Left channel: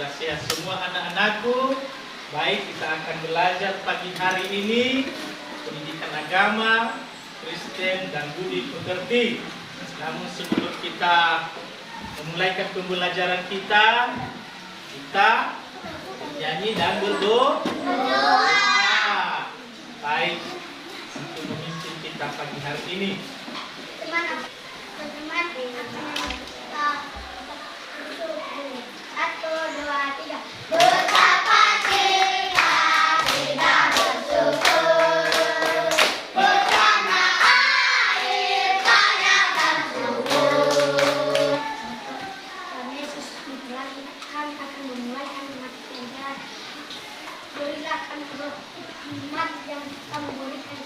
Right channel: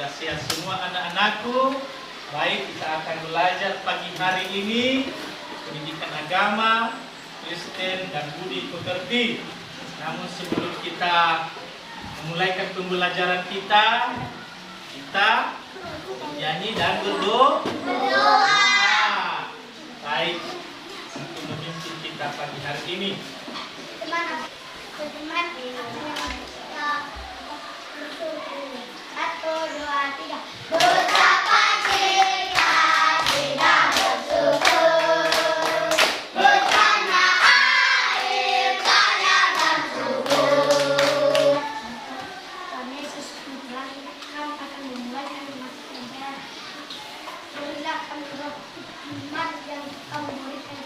sudah sehat semua anak-anakku. Baik, kita akan belajar pagi hari ini pendidikan agama, Kristen dan budi pekerti. Namun sebelum kita memulaikan pembelajaran kita bernyanyi dan berdoa. Baik, untuk memimpin kita pagi hari ini. Teman-teman, 1, 2, 3. Betapa kita tidak bersyukur, bencana air, tanah dan subur. Tuhan Yesus akan memulai kalimat pelajaran. Berilah kami roh hikmat yang kamu berikan.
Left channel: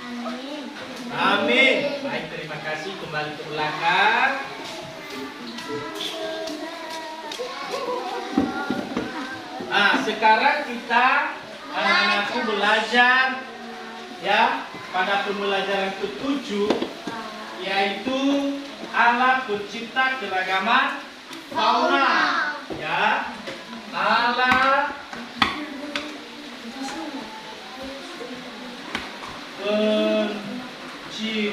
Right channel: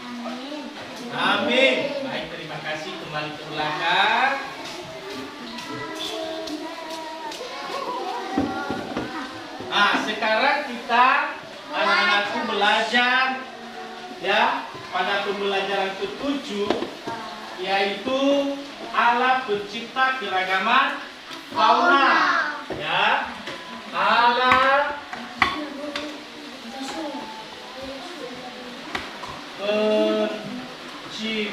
Amin. Amin. Baik, terima kasih. Kembali ke belakang. Nah, sekarang kita anak-anakku belajar ya pada pembelajaran ke-7, yaitu Allah pencipta keragaman fauna. Ya, Allah pencipta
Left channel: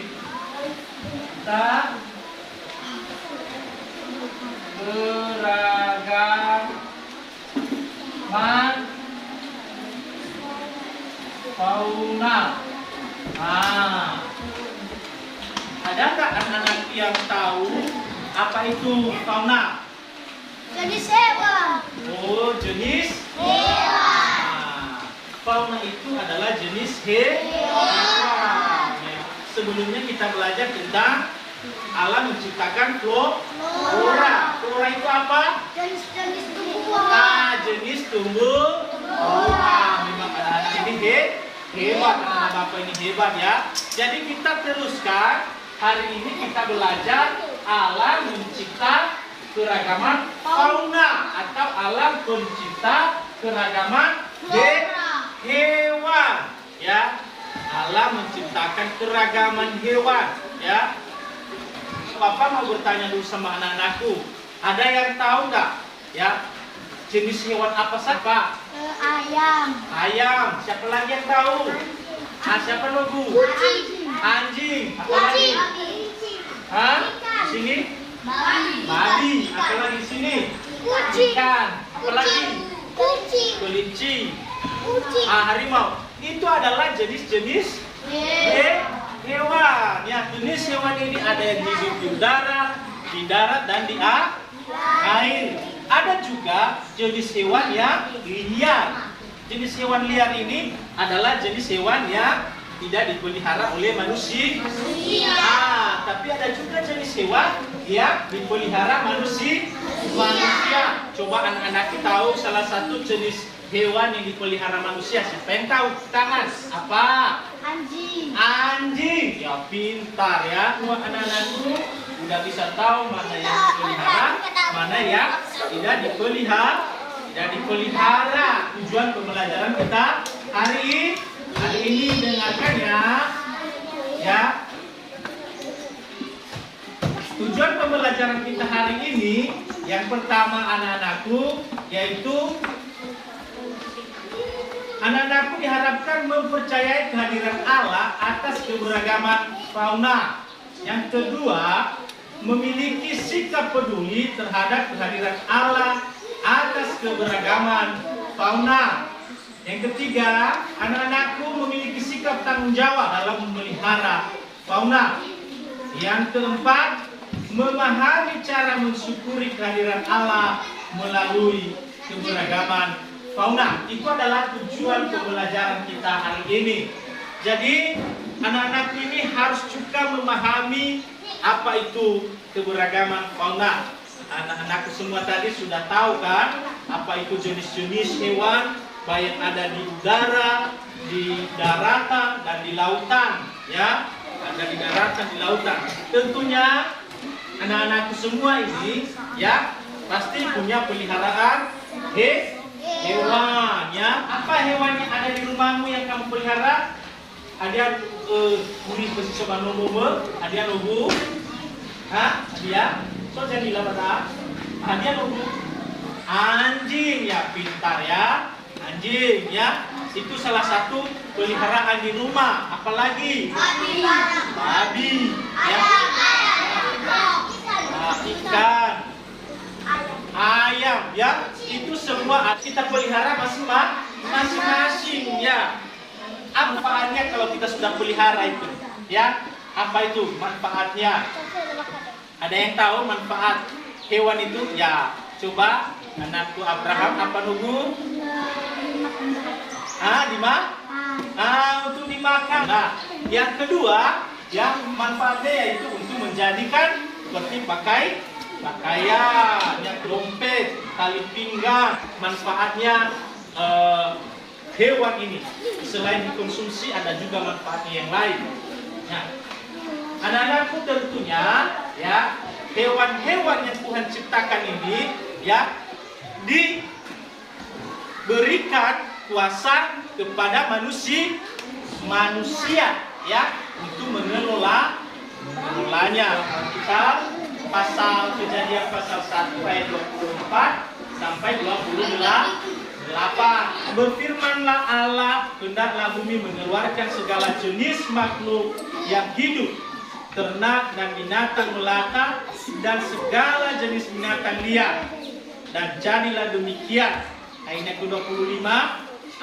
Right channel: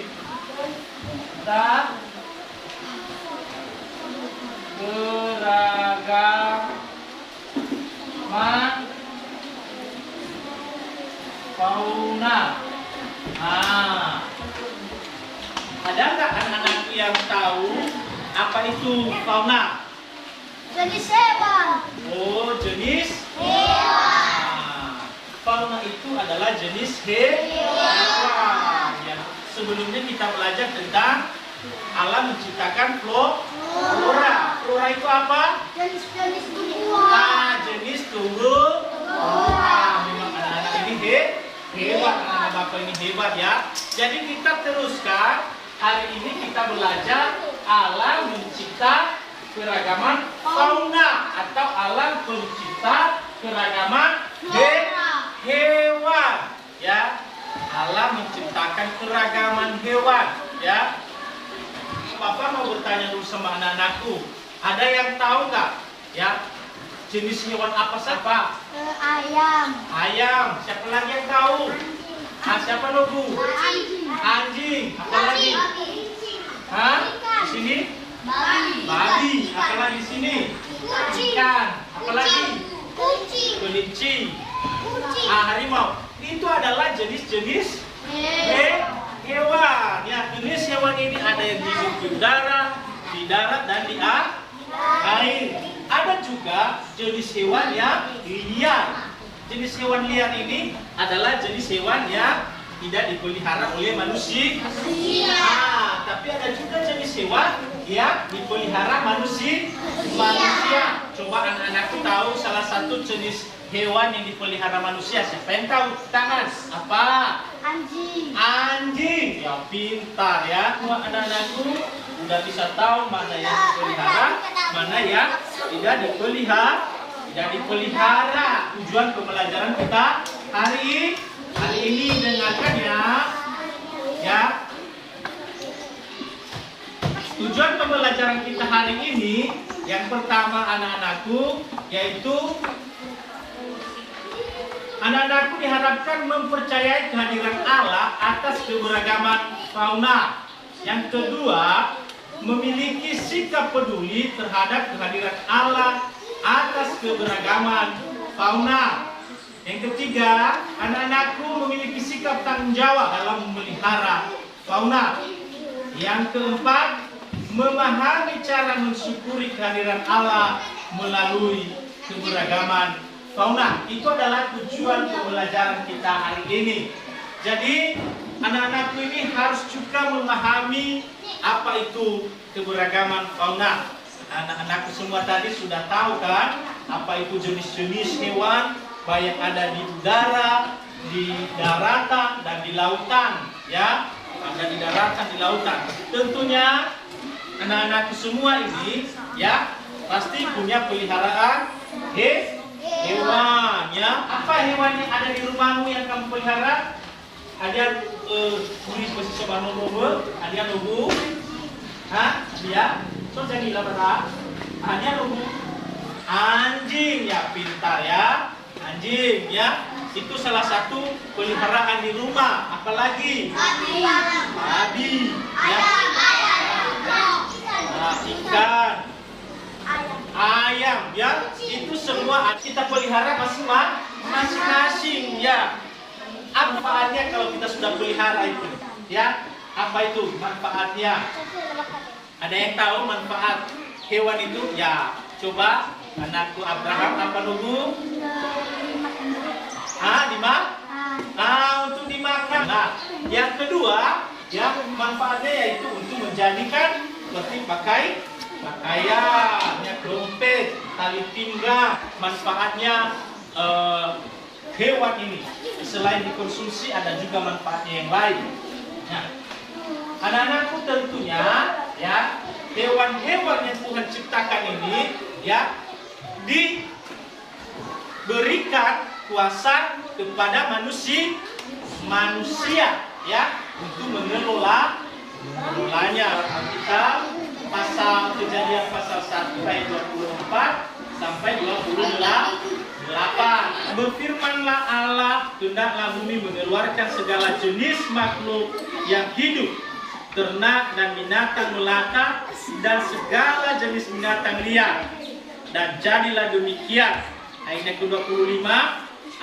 keragaman fauna. Ada nggak anak-anak yang tahu apa itu fauna? Jenis hewan. Oh, jenis Hewan. Fauna itu adalah jenis hewan. Ya. Sebelumnya kita belajar tentang Allah menciptakan flora. Flora itu apa? Jenis tumbuhan. Jenis tumbuhan. Memang anak-anak ini hebat, anak-anak Bapak ini hebat ya. Jadi kita teruskan, hari ini kita belajar Allah mencipta keragaman fauna atau Allah pencipta keragaman hewan ya. Allah menciptakan keragaman hewan ya. Bapak mau bertanya dulu sama anak-anakku, ada yang tahu nggak ya jenis hewan apa saja? Ayam. Ayam. Siapa lagi yang tahu? Siapa nunggu? Anjing. Apa lagi? Di sini? Babi. Apa lagi di sini? Ikan. Apa lagi? Kelinci. Harimau. Itu adalah jenis-jenis hewan. Ya, jenis hewan ini ada yang hidup di udara, di darat, dan di air. Ada juga jenis hewan yang liar. Jenis hewan liar ini adalah jenis hewan yang tidak dipelihara oleh manusia. Tapi ada juga jenis hewan yang dipelihara manusia. Coba anak-anak tahu salah satu jenis hewan yang dipelihara manusia. Siapa yang tahu? Tangan. Apa? Anjing. Ya, pintar ya. Semua anak-anakku udah bisa tahu mana yang dipelihara, mana yang tidak dipelihara. Tujuan pembelajaran kita hari ini dengarkan ya. Tujuan pembelajaran kita hari ini yang pertama anak-anakku, yaitu anak-anakku diharapkan mempercayai kehadiran Allah atas keberagaman fauna. Yang kedua, memiliki sikap peduli terhadap kehadiran Allah atas keberagaman fauna. Yang ketiga, anak-anakku memiliki sikap tanggung jawab dalam memelihara fauna. Yang keempat, memahami cara mensyukuri kehadiran Allah melalui keberagaman fauna. Itu adalah tujuan pembelajaran kita hari ini. Jadi, anak-anak ini harus juga memahami apa itu keberagaman fauna. Anak-anakku semua tadi sudah tahu kan apa itu jenis-jenis hewan, baik ada di udara, di daratan, dan di lautan ya. Ada di daratan, di lautan. Tentunya anak-anakku semua ini ya pasti punya peliharaan hewan ya. Apa hewan yang ada di rumahmu yang kamu pelihara? Ada kulit besi sobat nomor, ada lugu, dia, so jangan bilang bata, dia lugu, Anjing, ya pintar ya. Anjing ya. Itu salah satu peliharaan di rumah. Apalagi? Babi. Ya. Nah, ikan. Ayam ya. Itu semua kita pelihara masing-masing ya. Apa manfaatnya kalau kita sudah pelihara itu? Ya, apa itu manfaatnya? Ada yang tahu manfaat hewan itu? Ya, coba anakku Abraham apa nunggu? Untuk dimakan. Nah, yang kedua, ya manfaatnya yaitu untuk menjadikan seperti pakaian, ya dompet, tali pinggang. Manfaatnya hewan ini selain dikonsumsi ada juga manfaatnya yang lain. Nah, anak-anakku tentunya ya hewan-hewan yang Tuhan ciptakan ini ya diberikan kuasa kepada manusia ya untuk mengelolanya. Kita Kejadian pasal 1 ayat 24 sampai 28. Berfirmanlah Allah, hendaklah bumi mengeluarkan segala jenis makhluk yang hidup, ternak dan binatang melata, dan segala jenis binatang liar. Dan jadilah demikian. Ayat ke-25,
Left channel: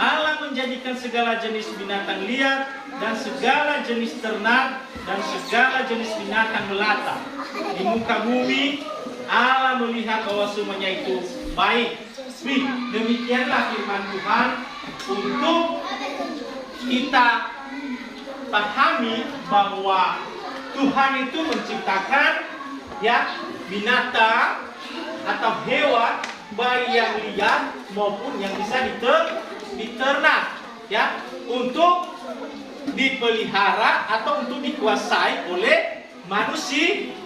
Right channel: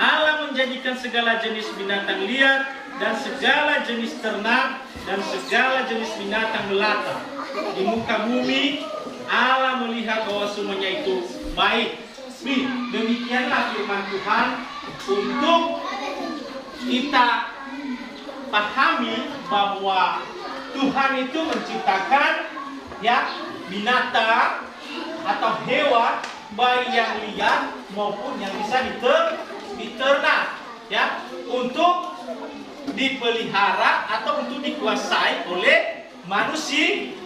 Allah menjadikan segala jenis binatang liar dan segala jenis ternak dan segala jenis binatang melata di muka bumi. Allah melihat bahwa semuanya itu baik. Demikianlah firman Tuhan untuk kita pahami bahwa Tuhan itu menciptakan ya binatang atau hewan baik yang liar maupun yang bisa diternak ya untuk dipelihara atau untuk dikuasai oleh manusia.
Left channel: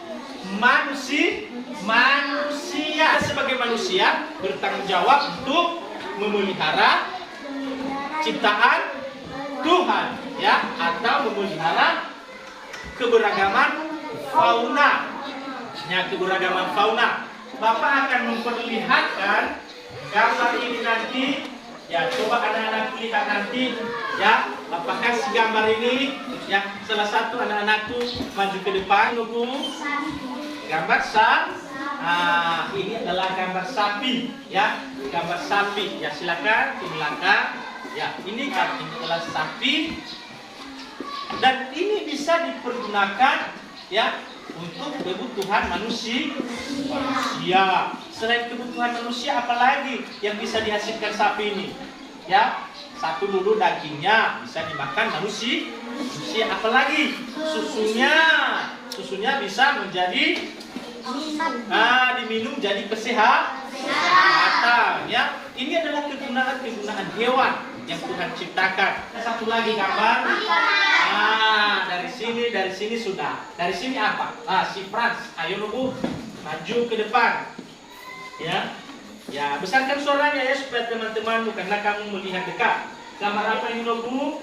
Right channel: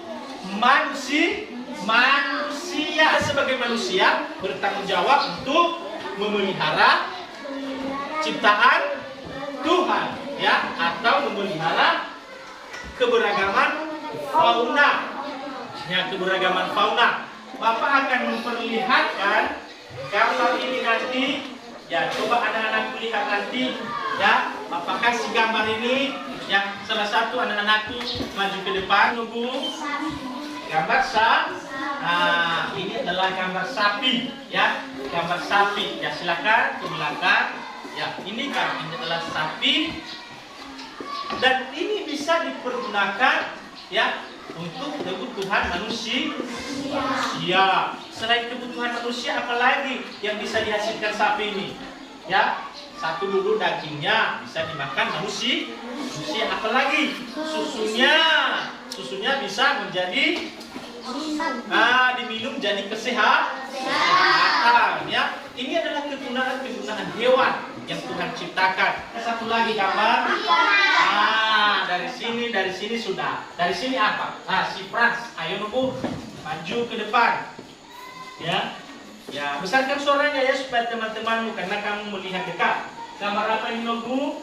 Sebagai manusia bertanggung jawab untuk memelihara ciptaan Tuhan ya atau memelihara keberagaman fauna. Bapak akan memperlihatkan gambar ini nanti. Ya, coba anak-anak lihat nanti ya. Bapak kasih gambar ini ya. Salah satu anak-anakku maju ke depan nunggu. Gambar ini adalah gambar sapi ya. Gambar sapi. Ya, silakan ke belakang. Ya, ini adalah sapi. Dan ini bisa dipergunakan ya untuk kebutuhan manusia. Selain kebutuhan manusia, apalagi yang bisa dihasilkan sapi ini? Ya, satu dulu dagingnya bisa dimakan manusia. Apalagi susunya bisa menjadi diminum jadi kesehatan. Ya, ini adalah kegunaan hewan yang Tuhan ciptakan. Satu lagi gambar. Dari sini sudah. Dari sini apa? Si Frans. Ayo nunggu, maju ke depan. Ya, besarkan suaranya ya supaya teman-temanmu karena kamu melihat dekat. Gambar apa ini nunggu?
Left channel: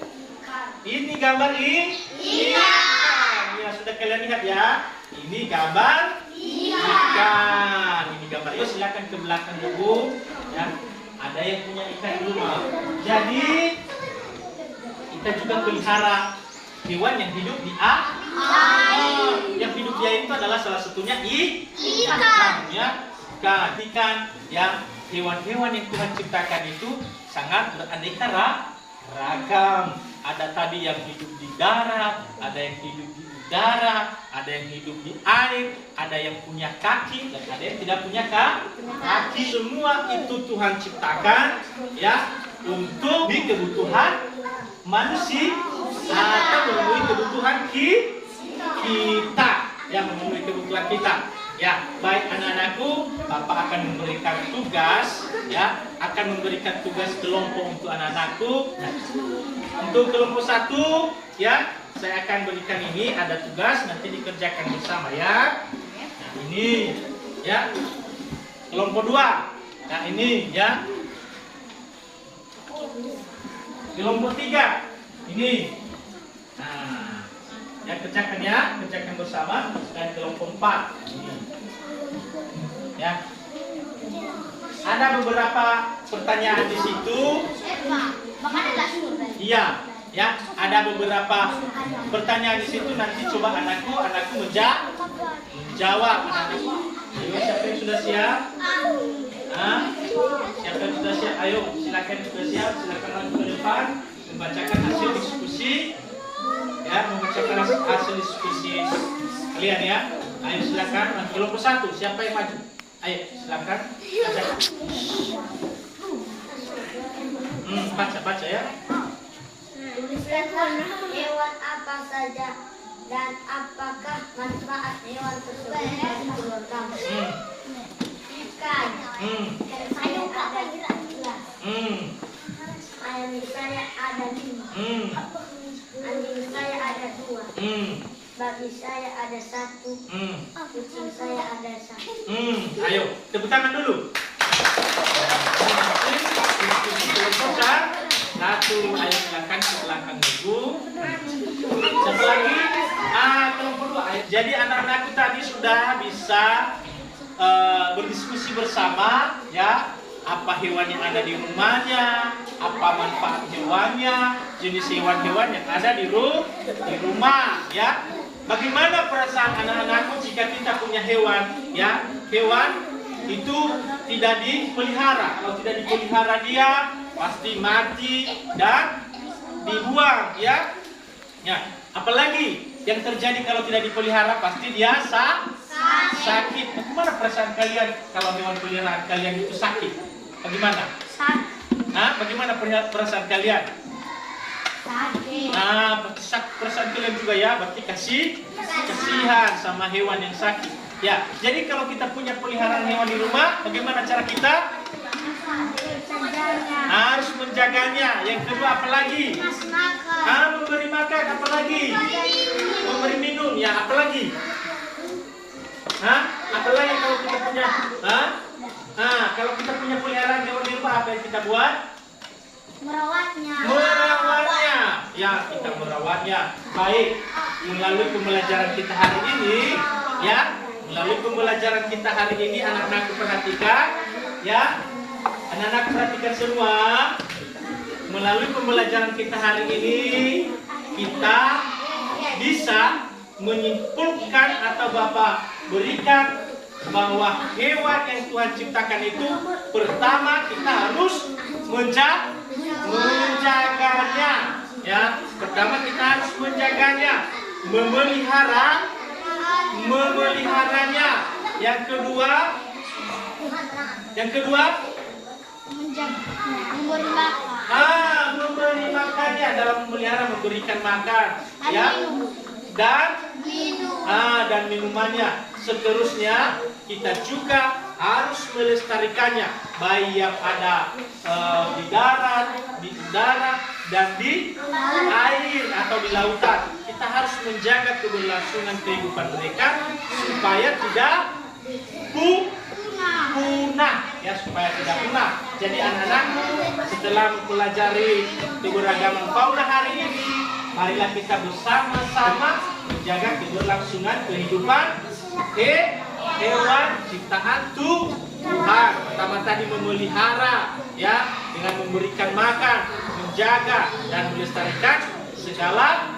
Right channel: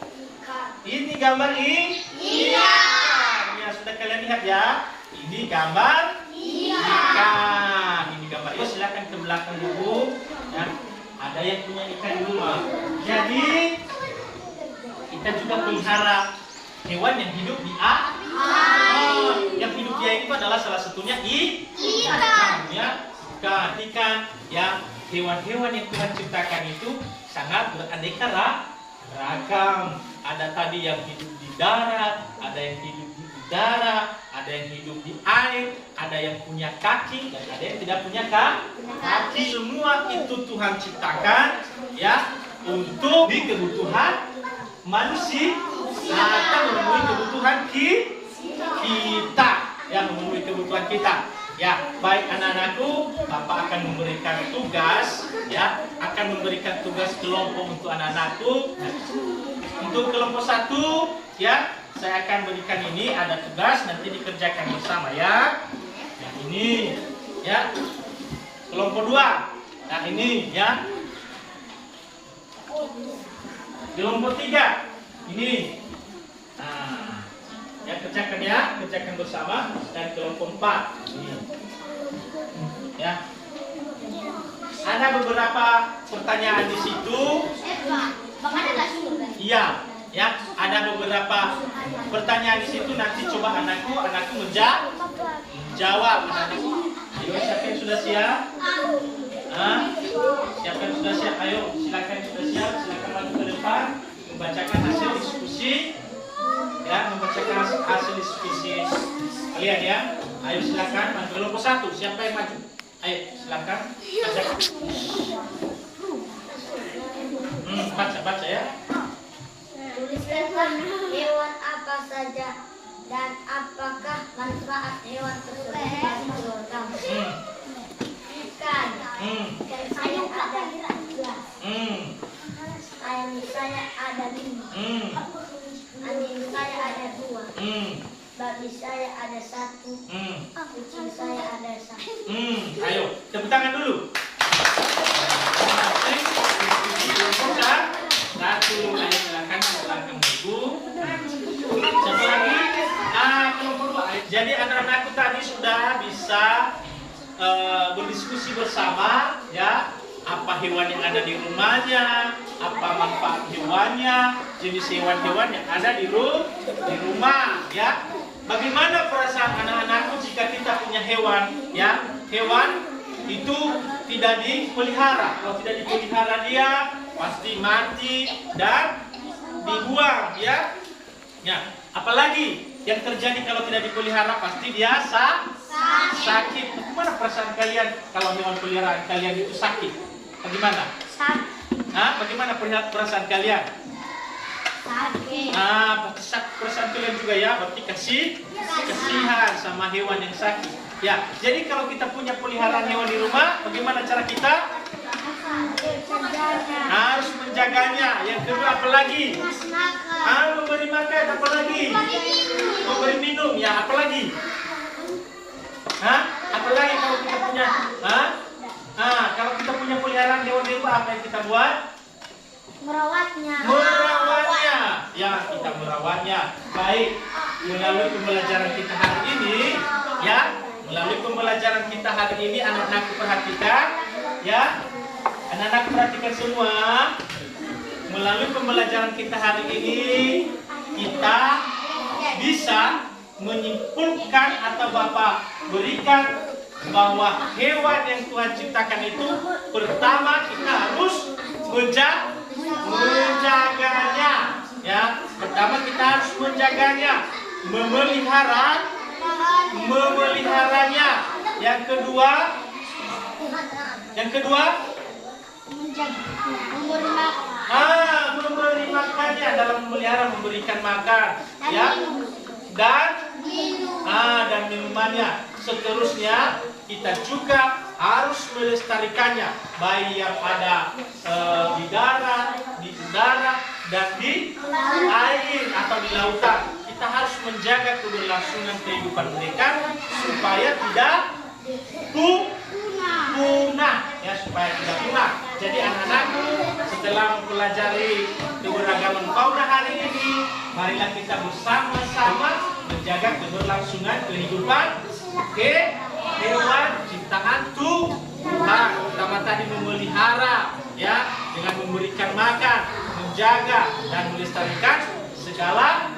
Ini gambar ikan. Ya, sudah kalian lihat ya. Ini gambar ikan. Ini gambar ikan. Silakan ke belakang dulu. Ya, ada yang punya ikan di rumah. Jadi kita juga pelihara hewan yang hidup di air. Yang hidup di air itu adalah salah satunya ikan. Ya, ikan. Ya, hewan-hewan yang Tuhan ciptakan itu sangat beraneka ragam. Ada tadi yang hidup di darat, ada yang hidup di udara, ada yang hidup di air, ada yang punya kaki dan ada yang tidak punya kaki. Semua itu Tuhan ciptakan ya untuk kebutuhan manusia atau memenuhi kebutuhan kita, yang memenuhi kebutuhan kita. Ya, baik anak-anakku, Bapak akan memberikan tugas, ya, akan memberikan tugas kelompok untuk anak-anakku. Nah, untuk kelompok 1, ya, saya akan berikan ini ada tugas nanti dikerjakan bersama ya. Nah, ini, ya. Kelompok 2, nah ini, ya. Kelompok 3, ini. Nah, ya kerjakan bersama. Dan kelompok 4 ini. Ya. ada beberapa pertanyaan di situ. Iya, ya, ada beberapa pertanyaan di situ. Nanti coba anakku menjawab. Anakku, ayo siapa yang sudah siap? Siapa yang sudah siap? Ayo, silakan sudah siap. Silakan maju ke depan, membacakan hasil diskusi. Ya, membacakan hasil diskusi kalian ya. Ayo silakan maju. Kelompok 1, siapa yang maju? Ayo silakan bacakan. Baca ya. Tuliskanlah hewan apa saja dan apakah manfaat hewan tersebut bagi keluarga. Ikan. Ikan saya ada 11. Ayam saya ada 5. Anjing saya ada 2. Babi saya ada 1. Kucing saya ada 1. Ayo, tepuk tangan dulu. Satu, ayo silakan ke belakang dulu. Satu lagi, kelompok 2. Jadi anak-anakku tadi sudah bisa berdiskusi bersama, ya. Apa hewan yang ada di rumahnya, apa manfaat hewannya, jenis hewan-hewan yang ada di rumah, ya. Bagaimana perasaan anak-anakku jika kita punya hewan, ya? Hewan itu tidak dipelihara. Kalau tidak dipelihara dia pasti mati dan dibuang, ya. Ya, apalagi yang terjadi kalau tidak dipelihara pasti dia sakit. Bagaimana perasaan kalian kalau hewan peliharaan kalian itu sakit? Bagaimana? Bagaimana perasaan kalian? Sakit. Perasaan kalian juga ya, berarti kasihan sama hewan yang sakit. Ya, jadi kalau kita punya peliharaan hewan di rumah, bagaimana cara kita? Harus menjaganya. Yang kedua apa lagi? Memberi makan, apa lagi? Memberi minum, ya apa lagi? Apa lagi kalau kita punya? Kalau kita punya peliharaan hewan di rumah, apa yang kita buat? Merawatnya. Ya, kita merawatnya. Baik, melalui pembelajaran kita hari ini, ya, melalui pembelajaran kita hari ini, anak-anak perhatikan, ya, anak-anak perhatikan semua. Melalui pembelajaran kita hari ini, kita bisa menyimpulkan atau Bapak berikan bahwa hewan yang Tuhan ciptakan itu pertama kita harus menjaganya, ya. Pertama kita harus menjaganya, memeliharanya. Yang kedua memberi makannya. Dalam memelihara memberikan makan, ya, dan minumannya. Seterusnya kita juga harus melestarikannya, baik yang ada di darat, di udara, dan di air atau di lautan. Kita harus menjaga keberlangsungan kehidupan mereka supaya tidak punah, ya, supaya tidak punah. Jadi anak-anakku, setelah mempelajari keberagaman fauna hari ini, marilah kita bersama-sama menjaga keberlangsungan kehidupan hewan ciptaan Tuhan. Pertama tadi memelihara, ya, dengan memberikan makan, menjaga dan melestarikan segala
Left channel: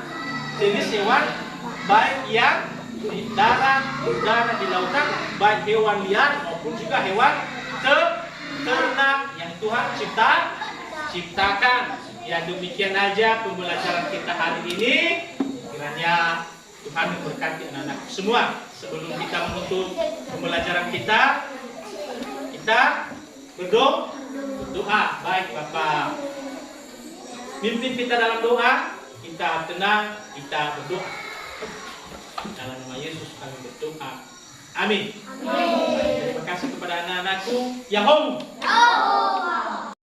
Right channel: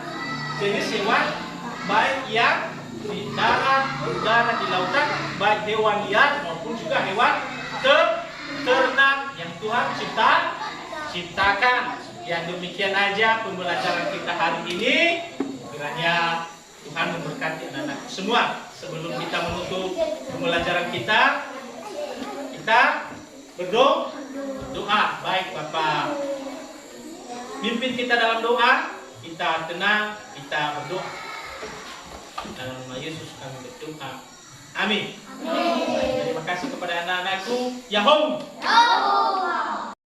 jenis hewan, baik yang di darat, di udara, di lautan, baik hewan liar maupun juga hewan ternak yang Tuhan ciptakan. Ya, demikian aja pembelajaran kita hari ini. Kiranya Tuhan memberkati anak-anak semua. Sebelum kita menutup pembelajaran kita berdoa. Baik Bapak, pimpin kita dalam doa. Kita tenang, kita berdoa. Dalam nama Yesus kami berdoa. Amin. Terima kasih kepada anak-anakku. Yahoo.